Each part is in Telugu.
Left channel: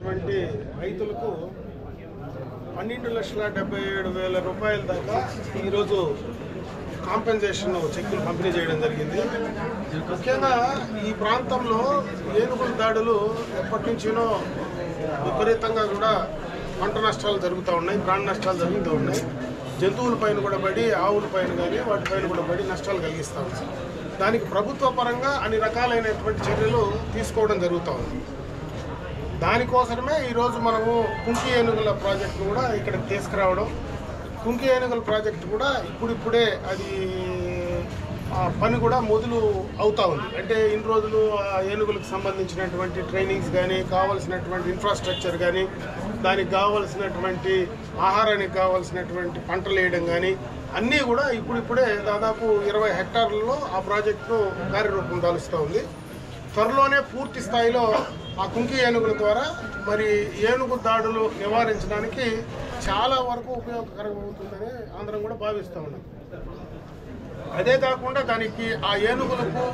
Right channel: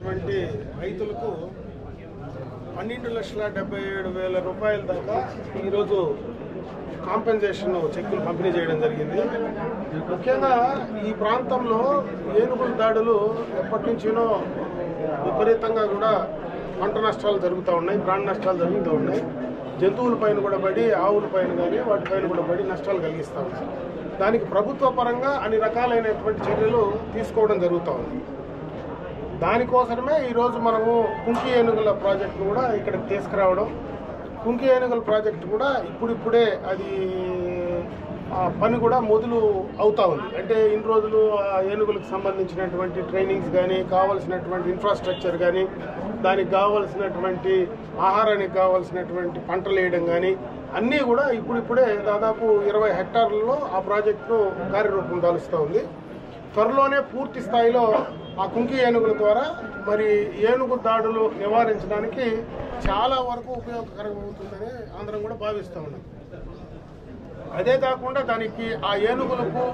రైతులకు 12,77,000 రూపాయల దాకా ఈరోజు కాంపెన్సేషన్ చెక్కులు పంపిణీ చేయడం జరిగింది. ముఖ్యంగా ఈ ప్రాంతంలో ఏనుగుల దాడులు ఎప్పటి నుంచినో విపరీతంగా కూడా పంట నష్టాలు జరుగుతూ ఉన్నాయి, ప్రాణ నష్టాలు జరుగుతూ ఉన్నాయి. జంతువుల పైన కూడా పడి, ఆవుల పైన కానీ వాటిపైన కూడా పడి నష్టాలు కలిగిస్తూ ఉంది. దానికి ప్రభుత్వ పరంగా అన్ని రకాలైనటువంటి చర్యలు తీసుకోవడం జరుగుతూ ఉంది. దానికోసమే ఈరోజు మనము కుంకి ఏనుగుల ప్రాజెక్టును కూడా ఇక్కడికి తీసుకురావడం. కుంకి ఏనుగుల ప్రాజెక్టు కూడా ఇప్పుడిప్పుడే అది పని కూడా మొదలు అవుతూ ఉంది. అంటే ఇన్ని రోజులు ఏనుగులకు సంబంధించినటువంటి ట్రైనింగ్స్ కానీ, కావాల్సినటువంటి ఇన్ఫ్రాస్ట్రక్చర్ కానీ, దానికి కావాల్సినటువంటి ఆహారానికి కావాల్సినటువంటి పంటలు వేయడం కానీ అన్నీ కూడా ఇప్పుడిప్పుడే దాదాపు 20 హెక్టార్లలో ఆ ప్రాజెక్టును కార్యరూపం దాలుస్తూ ఉంది. త్వరలోనే పూర్తి స్థాయిలో ఆ కుంకి ఏనుగుల ద్వారా మరి ఏనుగు దాడులు నివారించడానికి చాలా వరకు ఉపయోగకరంగా అవుతుందని అందరం కూడా భావిస్తూ ఉన్నాం. అదే కాకుండా దానికి ఆ ఏనుగులకు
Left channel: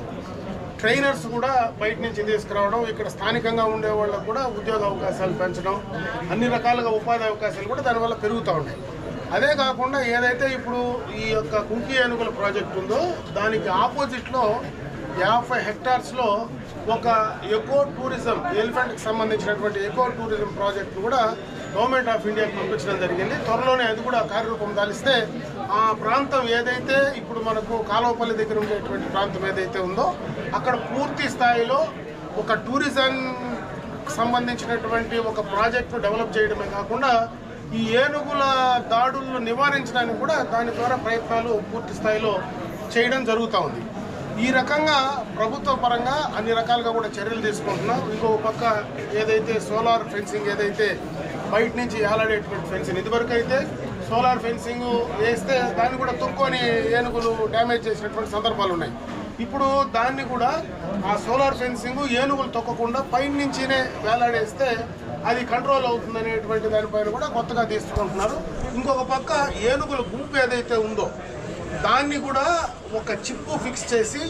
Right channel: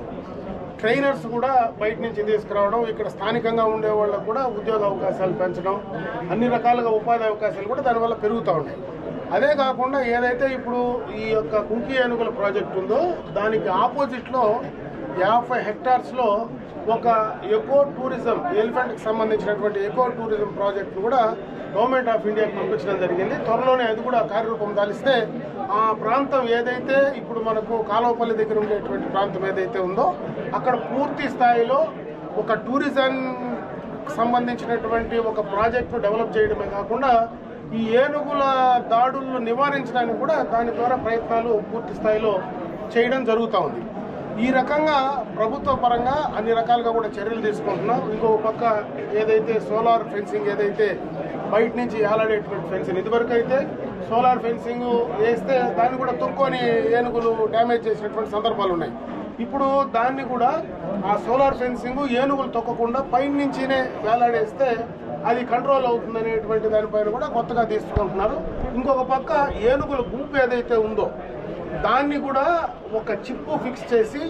ట్రైనర్స్ కూడా బయట నుంచి తీసుకురావడం, ఇక్కడ స్థానికంగా ఉండే వాళ్ళకు కూడా ఉద్యోగ అవకాశాలు పెంచడం, అన్ని రకాలుగా ఉపాధి అవకాశాలు కూడా దానివల్ల పెరుగుతూ ఉన్నాయి. అదే కాకుండా ఏదైతే ఇప్పుడు ఈ యొక్క కుంకి ఏనుగుల ప్రాజెక్ట్ ఉందో దానికి ఆపోజిట్లో 50 హెక్టార్స్లో ఒక ఎకో టూరిజం, ఎలిఫెంట్కి సంబంధించినటువంటి ఎకో టూరిజం ప్రాజెక్టు కూడా గవర్నమెంట్ ఆఫ్ ఇండియాకి పంపించడం జరిగింది. త్వరలోనే అది కూడా కార్యరూపం దాలిస్తే ఆ ప్రాంతం ఏదైతే ఇప్పుడు మనకు కాలువపల్లి దగ్గర ఉండేటువంటి ప్రాంతం ఏదైతే ఉందో అక్కడ పూర్తి స్థాయిలో ఒక టూరిజం సంబంధించినటువంటి ఒక ప్రాజెక్టు డెవలప్ చేయడమే కాకుండా ఈ ఏనుగుల దాడులను నివారించడానికి కూడా దాని ద్వారా ప్రయత్నాలు పూర్తి స్థాయిలో చేయడం జరుగుతూ ఉంది. ఈ రకంగా ప్రభుత్వ పరంగా అన్ని రకాలుగా కూడా చర్యలు తీసుకుంటున్నాం. ఇంకొక పక్క ఏదైతే సోలార్ ఫెన్సింగ్, ఏదైతే బయట నుంచి ఏలాడేటువంటి ఫెన్సింగ్, ఇదివరకు అయితే సోలార్ ఫెన్సింగ్ వేస్తే దాన్ని కూడా తొక్కొని ఏనుగులు డ్యామేజ్ చేసినటువంటి సందర్భాలు ఉన్నాయి. ఇప్పుడు దాన్ని కూడా ఆ సోలార్ ఫెన్సింగ్ ఏనుగులు తొక్కకుండా పైన నుంచినే వేలాడేస్తే అది కంట్రోల్ అవుతుందనేటువంటి దానిపైన కూడా కొత్తగా తీసుకుంటున్నారు. ఇంకొక పక్క ఏనుగుల గుంపు ఏదైతే ఉందో దాన్ని కూడా ఒక చిప్పు ఫిక్స్ చేసి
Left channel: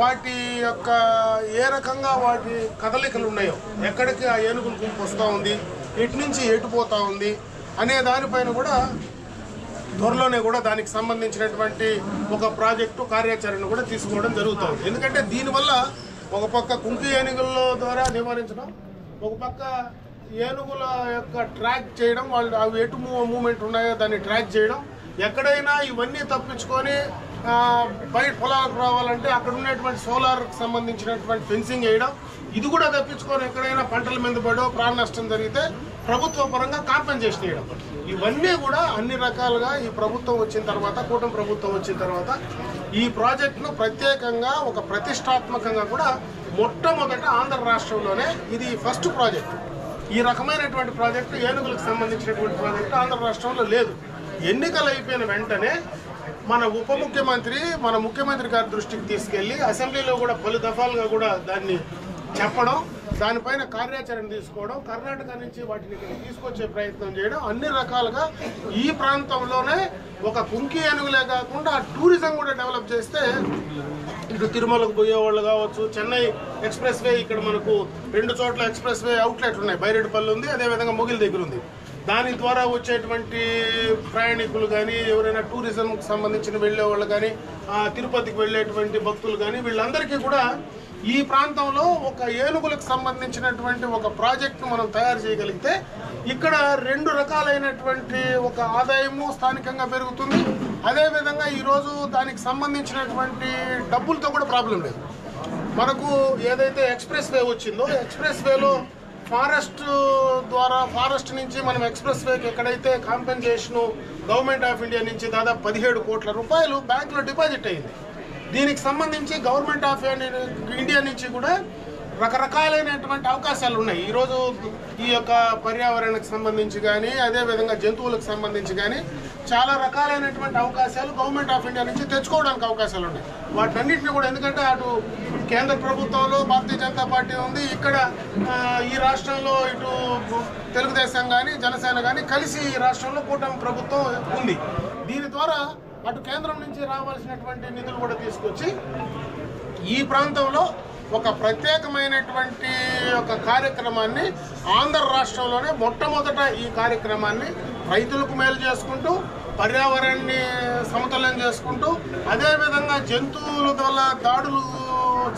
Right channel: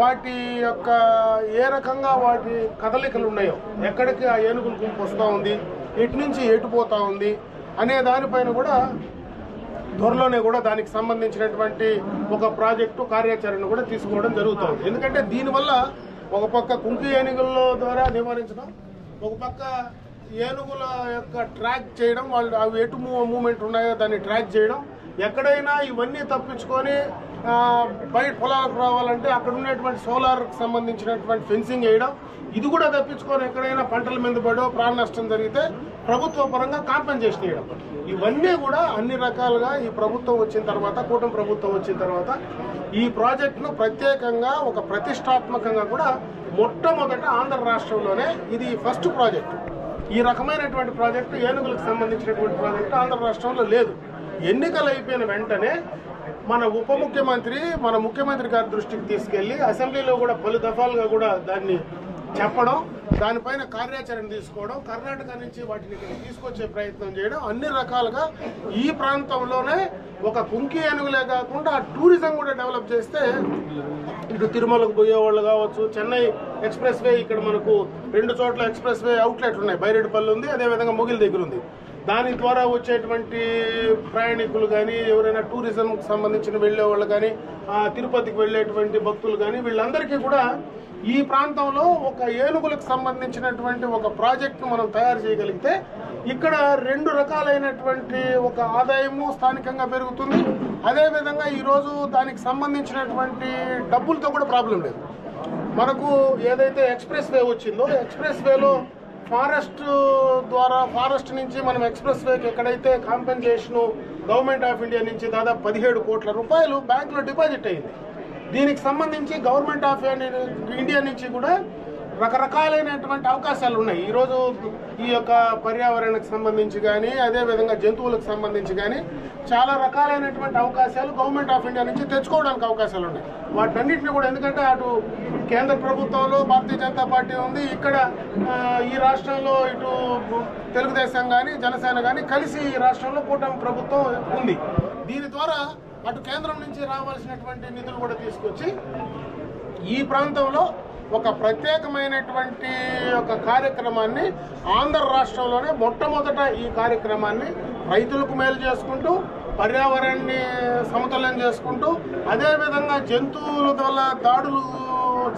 వాటి యొక్క ఏ రకంగా వాటి కదలికలు ఉన్నాయో, ఎక్కడికి ఆ ఏనుగుల గుంపు వస్తూ ఉంది, ఎటు నుంచి ఎటుపోతూ ఉంది అనే దానిపైన కూడా త్వరలోనే కూడా దానికి సంబంధించినటువంటి ఒక ప్రాజెక్టు కార్యాచరణ కూడా తీసుకోవడం జరుగుతుంది. ఎందుకంటే దీనివల్ల ఒక పక్క కుంకి ఏనుగుల ద్వారా నివారించడం, ఒక పక్క ఏనుగుల యొక్క ట్రాక్ చేయడం, వాళ్ళు అవి ఎటు మూమెంట్ ఉన్నాయో దాన్ని ట్రాక్ చేయడం, ఎక్కడైనా ఇవన్నీ తప్పించుకొని బయట పొలాలకు రావాలంటే అక్కడ ఉన్నటువంటి సోలార్కి సంబంధించినటువంటి ఫెన్సింగ్ వేయడం, ఇది కూడా తప్పించుకొని ఎక్కడైనా పంటల మీద పడో ప్రాణ నష్టం జరిగితే ప్రభుత్వ పరంగా కాంపెన్సేషన్ వేయడం, ఇవన్నీ కూడా అన్ని రకాలుగా ఈ ప్రభుత్వం వచ్చిన తర్వాత, కూటమి ప్రభుత్వం వచ్చిన తర్వాత ఈ ప్రాజెక్టును ప్రత్యేకంగా ఒక ప్రతిష్టాత్మకంగా కూడా మొట్టమొదట ఆంధ్ర రాష్ట్రంలోనే ఇది ఫస్ట్ ప్రాజెక్టు. ఈ రకమైనటువంటి ప్రాజెక్టు, ఏనుగులకు సంబంధించినటువంటి ప్రాజెక్టు ఆంధ్ర రాష్ట్రంలో లేదు. ఎన్నికలు అయిపోయిన వెంటనే మన ఉప ముఖ్యమంత్రి, మన ముఖ్యమంత్రి గారి దృష్టికి తీసుకెళ్ళి అసెంబ్లీలో కూడా పలు దఫాలుగా కూడా దాన్ని చెప్పడం, దానిపైన కార్యాచరణ తీసుకోవడం, కర్ణాటక నుంచి వాటిని తీసుకొచ్చే ప్రయత్నం చేయడం, అన్ని రకాలుగా ఈ ప్రాంతంలోనే ఒక కుంకి ఏనుగులే కాకుండా టూరిజం కూడా డెవలప్ చేస్తే ఇటు తిరుమలకు పోయేవాళ్ళు కావచ్చు, చెన్నై ఎక్స్ప్రెస్ వే, ఇక్కడ మనకు 2 చోట్ల ఎక్స్ప్రెస్ వే అవుట్లెట్లు ఉన్నాయి, బైరెడ్డిపల్లి ఉంది, అదేవిధంగా మొగిల్ దగ్గర ఉంది. దాని ద్వారా వచ్చేటువంటి ప్రయాణికులు కానీ, ఎవరైనా టూరిజంకి సంబంధించిన వెళ్ళే వాళ్ళు కానీ, తిరుపతికి వెళ్ళేటువంటి భక్తులు కానీ, వీళ్ళందరికీ కూడా ఈ ప్రాంతంలో ఒక ఏనుగులకు సంబంధించినటువంటి ఒక ప్రాజెక్టును మనం తయారు చేయగలిగితే ఇక్కడ 2 రకాలైనటువంటి ఒక ఆదాయము స్థానికంగా పెరుగుతుంది. అదేవిధంగా ఈరోజు దానికి సంబంధించినటువంటి డబ్బులతో కూడా ప్రాబ్లం లేదు. మనకు ఏదైతే ఎక్స్ప్రెస్ వే వచ్చిందో, ఎక్స్ప్రెస్ వేలో ఫారెస్ట్ నుంచి మనం ఎక్స్ప్రెస్ వేకి ఎక్కడైతే కాంపెన్సేషను గవర్నమెంట్ ఆఫ్ ఇండియా నుంచి దాదాపు 17 కోట్ల రూపాయలు బ్యాంకులో డిపాజిట్ అయింది. దీనికి సంబంధించి గవర్నమెంట్ ఆఫ్ ఇండియా నుంచి కూడా రకరకాలైనటువంటి అవకాశాలు ఉన్నాయి. ఈరోజు ఈ యొక్క పర్యావరణకు సంబంధించి కానీ, అదేవిధంగా జంతువులకు సంబంధించి కానీ చాలా రకాలైనటువంటి అవకాశాలు గవర్నమెంట్ ఆఫ్ ఇండియా నుంచి తెచ్చుకోవడానికి అవకాశాలు ఉన్నాయి. వాటన్నిటిని కూడా, ఎందుకంటే అటు కేంద్ర ప్రభుత్వంలో భారతీయ జనతా పార్టీ ఉంది, ఇక్కడ ఈ రాష్ట్రంలో ఇటు తెలుగుదేశం కానీ, జనసేన కానీ కలిసి ఈ రాష్ట్రంలో కూటమి ప్రభుత్వం ఉంది. దీని ద్వారా అటు కేంద్రం నుంచి రావాల్సినటువంటి నిధులు కూడా తీసుకొచ్చి ఈ ప్రాంతంలో ఒక ప్రత్యేకమైనటువంటి ఒక కార్యక్రమాన్ని ఆంధ్ర రాష్ట్రంలోనే మొట్టమొదట ఈ కార్యక్రమాన్ని రైతులకు మేలు చేసుకుంటూ పర్యావరణాన్ని సమతుల్యం చేసుకుంటూ అదేవిధంగా జంతువుల వల్ల దాడులు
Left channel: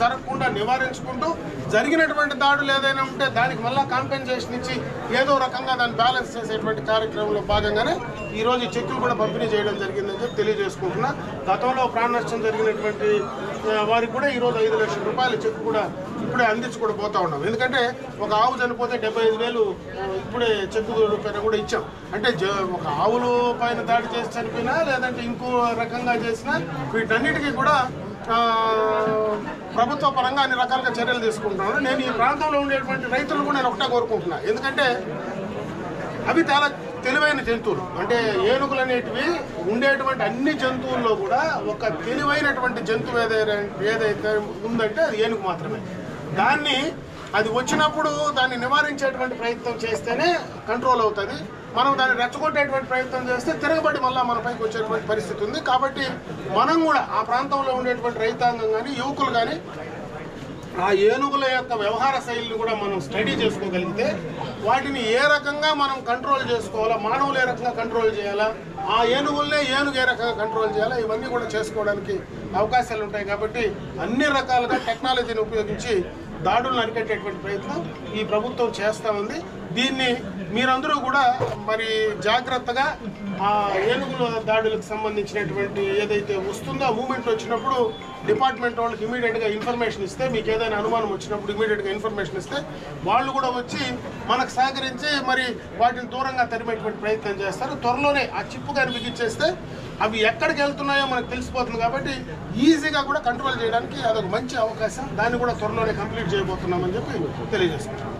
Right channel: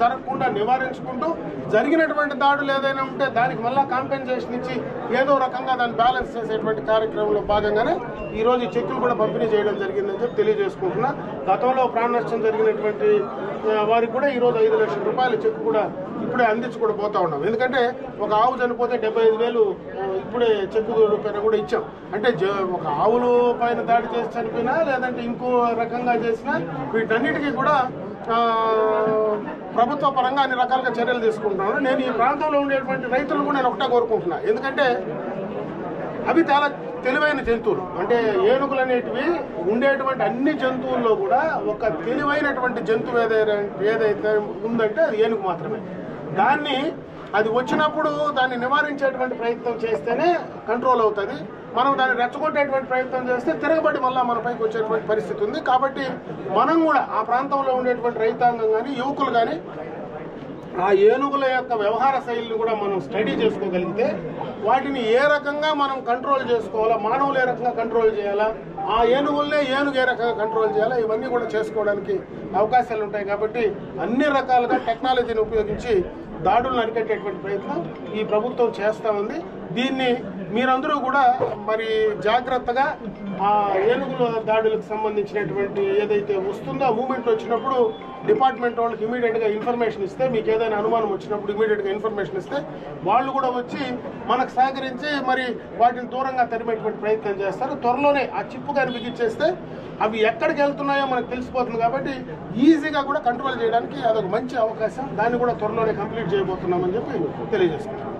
జరగకుండా నివారించుకుంటూ జరిగినటువంటి దాడులు ఏదైనా ఉంటే దానికి మళ్ళీ కాంపెన్సేషన్ ఇచ్చి ఏదో రకంగా దాన్ని బ్యాలెన్స్ చేసేటువంటి కార్యక్రమంలో భాగంగానే ఈరోజు ఈ చెక్కులు కూడా పంపిణీ చేయడం జరిగిందని చెప్పి తెలియజేసుకుంటున్నా. గతంలో ప్రాణ నష్టం జరిగినటువంటి వారికి కూడా ఈరోజు 5 లక్షల రూపాయల చెక్కు కూడా ఇప్పుడే అందించి కూడా పోతా ఉన్నాం. ఎందుకంటే ఒక ఆవు చనిపోతే 75,000 ఇప్పుడే చెక్కు రూపాయలు కూడా ఇచ్చాం. అంటే ఒక ఆవులు పైన దాడి చేసి చనిపోయినా లేదంటే ఇంకో రకంగా చేసినా వీటన్నిటికీ కూడా ప్రభుత్వ పరంగా అన్ని రకాలుగా చర్యలు తీసుకుంటున్నాను. నేను ఈ ప్రాంతంలో ఉండేటువంటి రైతులు కూడా నేను ఒకటే కోరుకుంటున్నా. ఎందుకంటే అవి చాలా తెలివైన జంతువులు. అంటే ఏనుగులు అనేటివి ఉండేటువంటి అన్ని జంతువుల్లో కూడా ఒక తెలివైనటువంటి జంతువు ఏదైతే ఉందంటే అది ఏనుగు మాత్రమే. దాన్ని అది వచ్చినప్పుడు దాన్ని నివారించేటువంటి ప్రయత్నం చేస్తేనే కంట్రోల్ అవుతుంది. మనం దాన్ని రెచ్చగొట్టేటువంటి ప్రయత్నం చేస్తే తిరగబడి మళ్ళీ మన పైకి వచ్చేటువంటి పరిస్థితి ఉంది. కాబట్టి మనం కూడా ఆ ప్రాంతంలో ఉండేటువంటి రైతాంగం కానీ యువకులు కానీ ఆ ఏనుగుల యొక్క వ్యవహార శైలిని కూడా మనం స్టడీ చేసుకోగలిగితే వాటిని ఏ రకంగా మనం కంట్రోల్ చేసుకోవాలా, మానవులు ఏ రకంగా కంట్రోల్ చేయాలా, ఆ ఏనుగులనే ఏనుగు ఏ రకంగా కంట్రోల్ చేయాలా, ఇవన్నీ కూడా చేసుకోవడానికి అవకాశాలు ఉంటాయి. కాబట్టి అన్ని రకాలుగా టెక్నాలజీని ఉపయోగించి దాడులను అరికట్టేటువంటి ప్రయత్నం ఈ ప్రభుత్వం చేస్తూ ఉంది. దీన్ని మీరందరూ కూడా మరి జాగ్రత్తగా ఆ ఏనుగుల దాడులకు సంబంధించినటువంటి ఏదైతే వస్తుందో మూమెంట్ వచ్చినప్పుడు డిపార్ట్మెంట్ వాళ్ళకి ఇమీడియట్గా ఇన్ఫర్మేషన్ ఇస్తే, మీకు ఏదైనా అనుమానం వచ్చినప్పుడు ఇమీడియట్గా ఇన్ఫర్మేషన్ ఇస్తే వాళ్ళు కూడా వచ్చి మనకు సహకరించి మరి వాటిని దూరంగా తరిమేటువంటి ప్రయత్నం చేస్తారు. త్వరలోనే ఆ చిప్పు కానీ బిగించేస్తే అవి ఎక్కడికి వెళ్తున్నాయో మనకు తెలిసిపోతుంది. కాబట్టి ఈజీగా కూడా కంట్రోల్ చేయడానికి అదొక మంచి అవకాశం. దాన్ని కూడా త్వరలోనే కంప్లీట్ చేయబోతున్నామని చెప్పి తెలియజేస్తున్నాం.